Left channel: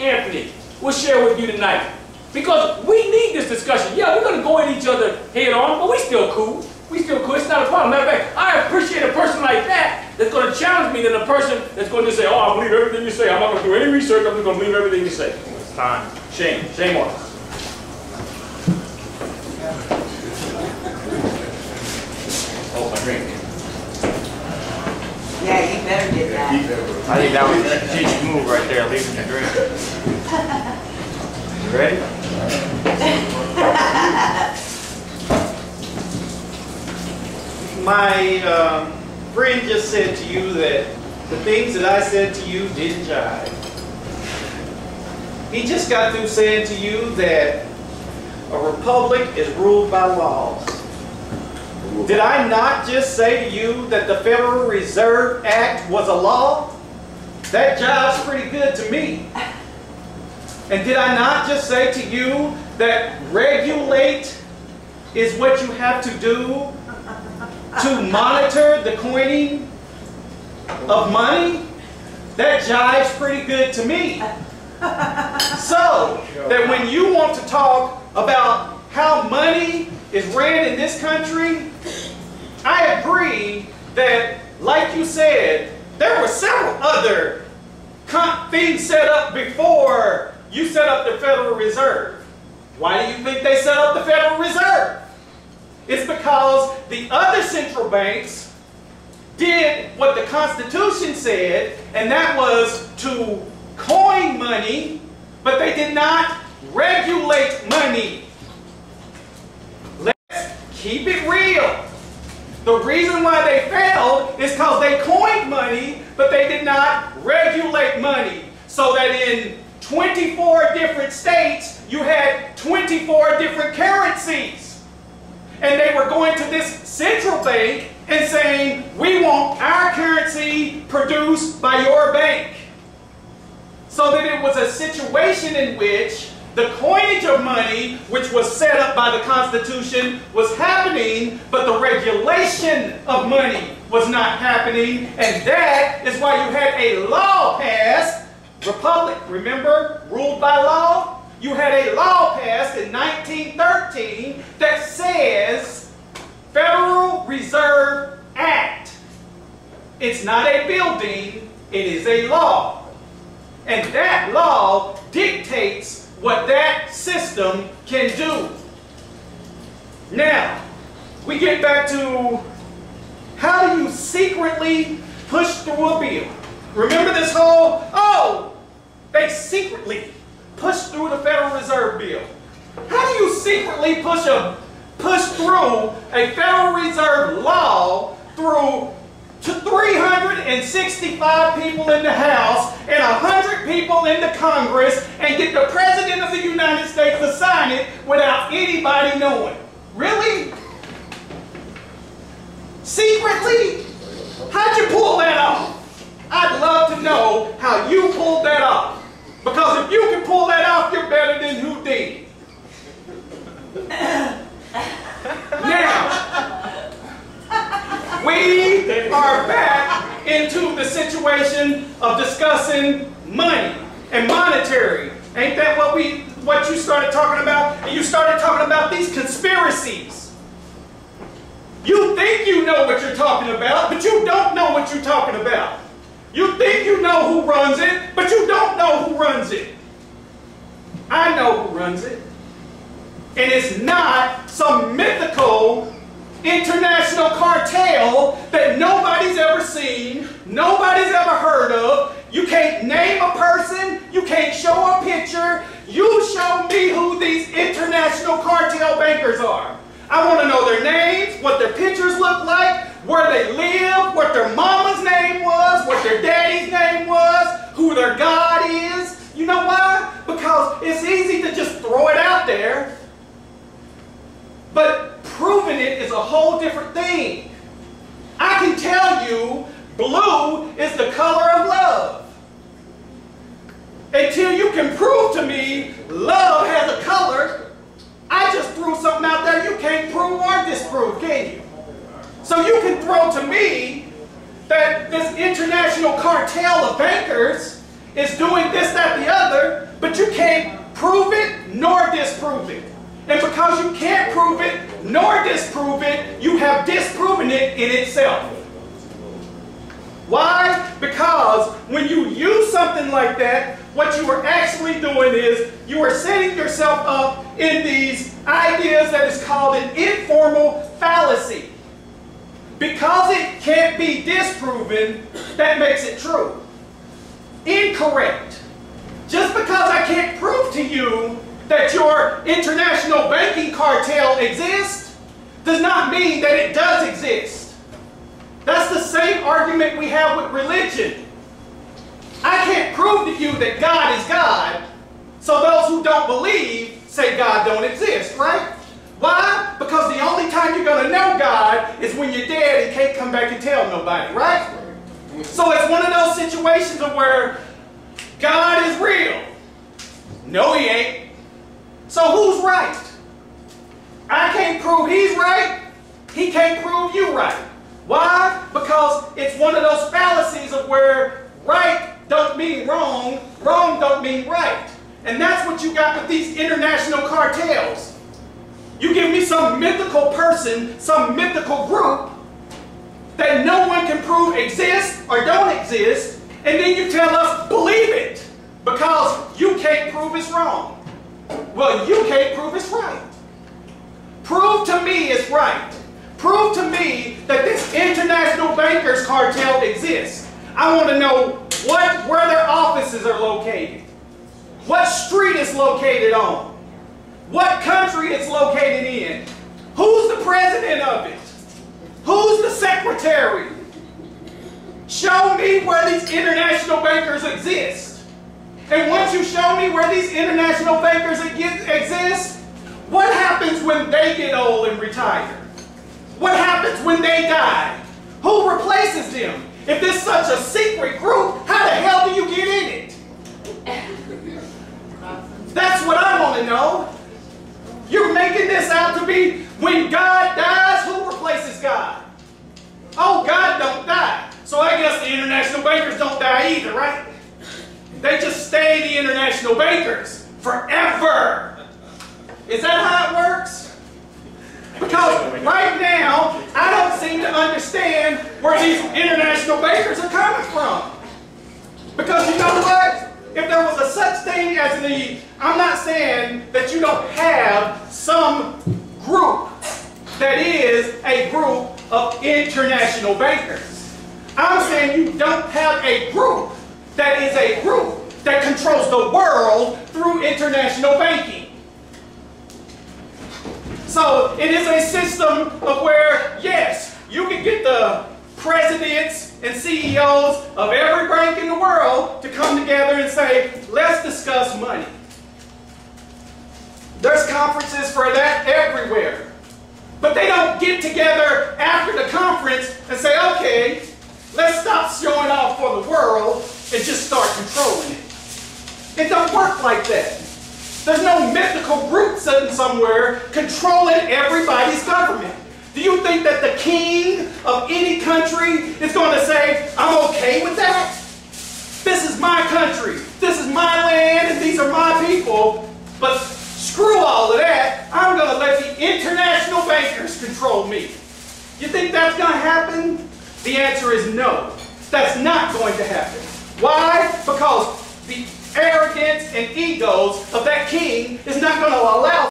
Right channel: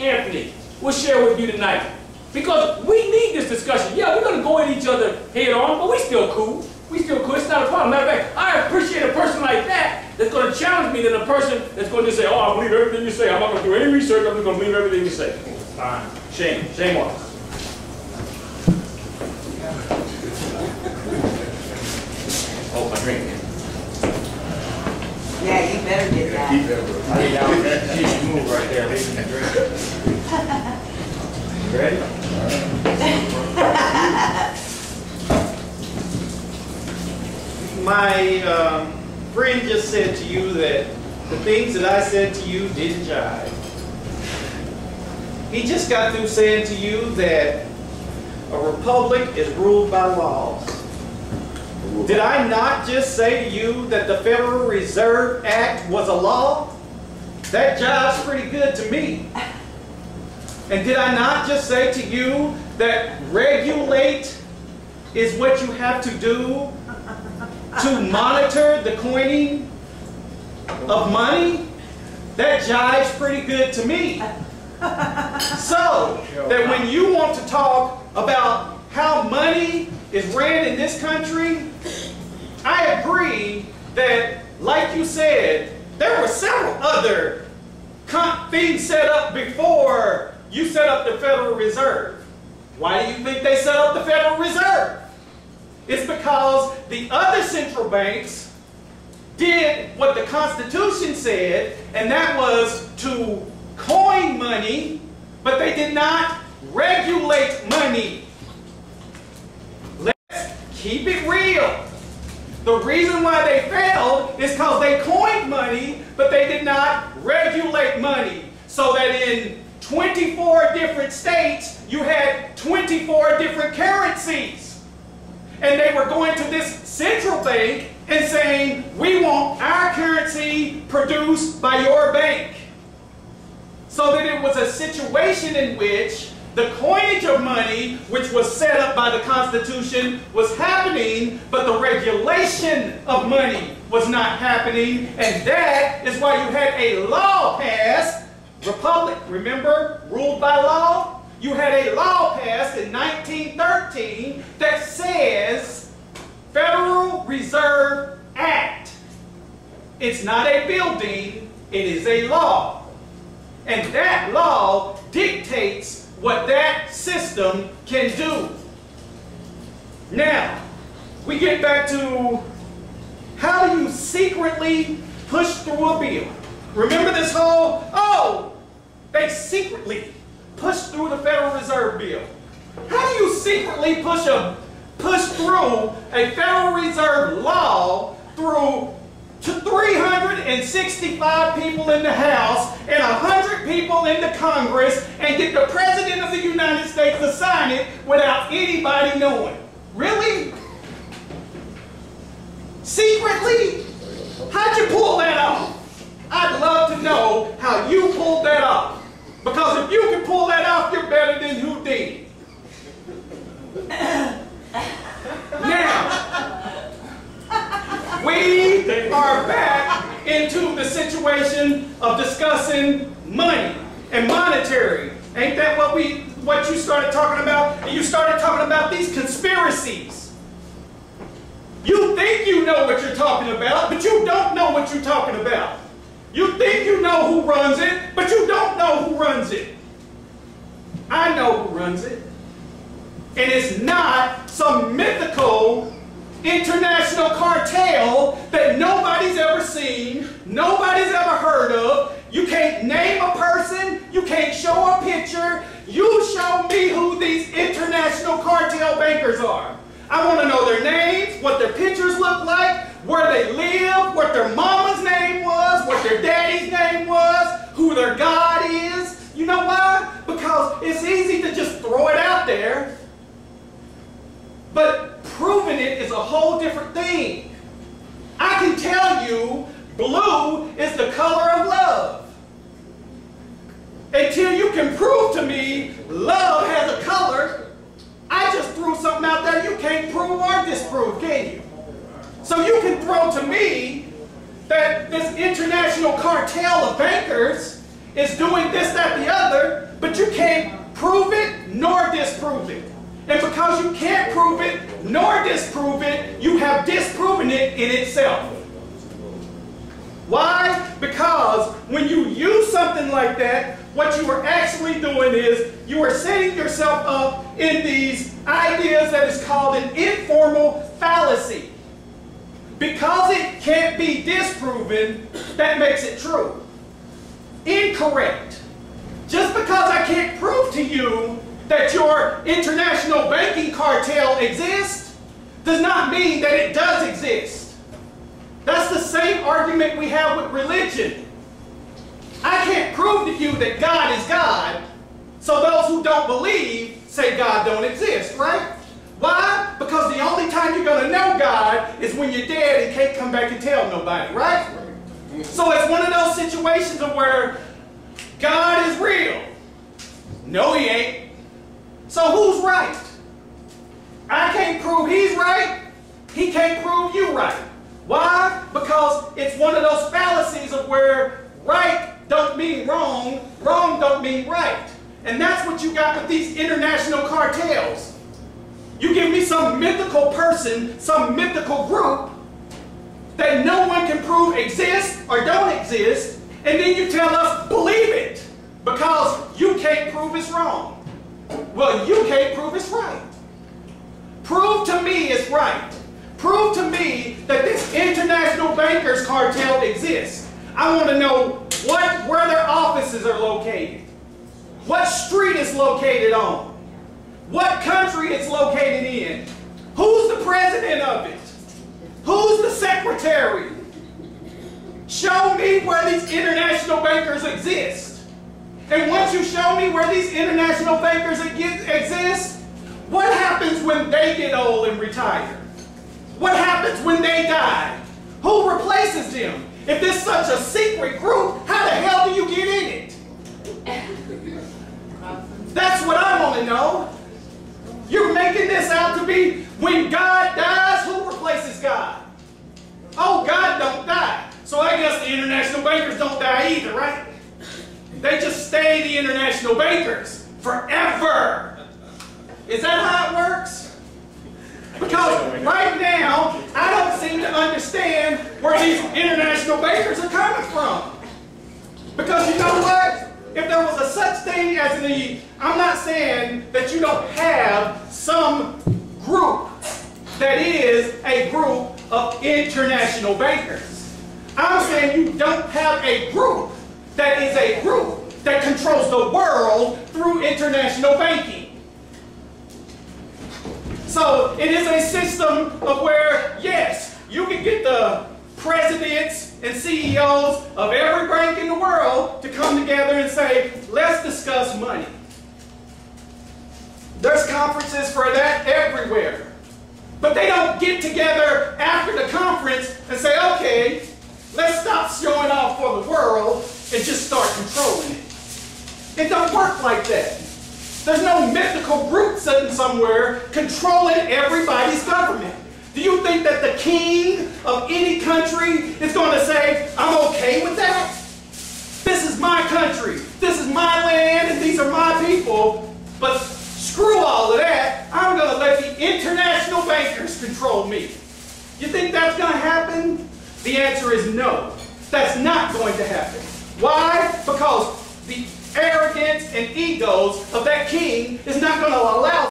Anthony will share with you tonight. Because we need this discussion. Yeah, we're going to go at each other head on, but we still cool. We still cool. It's not a problem. Matter of fact, I appreciate a person like that that's going to challenge me than a person that's going to just say, oh, I believe everything you say. I'm not going to do any research. I'm just going to believe everything you say. It's fine. Shame. Shame on us. Oh, my drink. Yeah, you better get that. I think that was a teach move right there, leaving the drink. Ready? My friend just said to you that the things that I said to you didn't jive. He just got through saying to you that a republic is ruled by laws. Did I not just say to you that the Federal Reserve Act was a law? That jives pretty good to me. And did I not just say to you that regulate is what you have to do to monitor the coining of money? That jives pretty good to me. So that when you want to talk about how money is ran in this country, I agree that, like you said, there were several other things set up before you set up the Federal Reserve. Why do you think they set up the Federal Reserve? It's because the other central banks did what the Constitution said, and that was to coin money, but they did not regulate money. Let's keep it real. The reason why they failed is because they coined money, but they did not regulate money. So that in 24 different states, you had 24 different currencies. And they were going to this central bank and saying, we want our currency produced by your bank. So that it was a situation in which the coinage of money, which was set up by the Constitution, was happening, but the regulation of money was not happening. And that is why you had a law passed, republic, remember, ruled by law? You had a law passed in 1913 that says Federal Reserve Act. It's not a building, it is a law. And that law dictates what that system can do. Now, we get back to how do you secretly push through a bill? Remember this whole, oh, they secretly pushed through the Federal Reserve Bill. How do you secretly push through a Federal Reserve law through 365 people in the House and 100 people in the Congress and get the President of the United States to sign it without anybody knowing? Really? Secretly? How'd you pull that off? I'd love to know how you pulled that off. Because if you can pull that off, you're better than Houdini. Now, we are back into the situation of discussing money and monetary. Ain't that what you started talking about? And you started talking about these conspiracies. You think you know what you're talking about, but you don't know what you're talking about. You think you know who runs it, but you don't know who runs it. I know who runs it. And it's not some mythical international cartel that nobody's ever seen, nobody's ever heard of. You can't name a person, you can't show a picture. You show me who these international cartel bankers are. I want to know their names, what their pictures look like, where they live, what their mama's name was, what their daddy's name was, who their God is. You know why? Because it's easy to just throw it out there. But proving it is a whole different thing. I can tell you blue is the color of love. Until you can prove to me love has a color, I just threw something out there you can't prove or disprove, can you? So you can throw to me that this international cartel of bankers is doing this, that, the other, but you can't prove it nor disprove it. And because you can't prove it nor disprove it, you have disproven it in itself. Why? Because when you use something like that, what you are actually doing is you are setting yourself up in these ideas that is called an informal fallacy. Because it can't be disproven, that makes it true. Incorrect. Just because I can't prove to you that your international banking cartel exists does not mean that it does exist. That's the same argument we have with religion. I can't prove to you that God is God, so those who don't believe say God don't exist, right? Why? Because the only time you're going to know God is when you're dead and can't come back and tell nobody, right? So it's one of those situations of where God is real. No, he ain't. So who's right? I can't prove he's right. He can't prove you right. Why? Because it's one of those fallacies of where right don't mean wrong, wrong don't mean right. And that's what you got with these international cartels. You give me some mythical person, some mythical group that no one can prove exists or don't exist, and then you tell us believe it because you can't prove it's wrong. Well, you can't prove it's right. Prove to me it's right. Prove to me that this international bankers cartel exists. I want to know where their offices are located, what street it's located on, what country it's located in, who's the president of it, who's the secretary. Show me where these international bankers exist. And once you show me where these international bankers exist, what happens when they get old and retire? What happens when they die? Who replaces them? If this is such a secret group, how the hell do you get in it? That's what I want to know. You're making this out to be when God dies, who replaces God? Oh, God don't die. So I guess the international bankers don't die either, right? They just stay the international bankers forever. Is that how it works? Because right now, I don't seem to understand where these international bankers are coming from. Because you know what? If there was a such thing as I'm not saying that you don't have some group that is a group of international bankers. I'm saying you don't have a group that is a group that controls the world through international banking. So it is a system of where, yes, you can get the presidents and CEOs of every bank in the world to come together and say, let's discuss money. There's conferences for that everywhere. But they don't get together after the conference and say, okay, let's stop showing off for the world and just start controlling it. It don't work like that. There's no mythical group sitting somewhere controlling everybody's government. Do you think that the king of any country is going to say, I'm okay with that? This is my country, this is my land, and these are my people, but screw all of that. I'm going to let the international bankers control me. You think that's going to happen? The answer is no. That's not going to happen. Why? Because the arrogance and egos of that king is not going to allow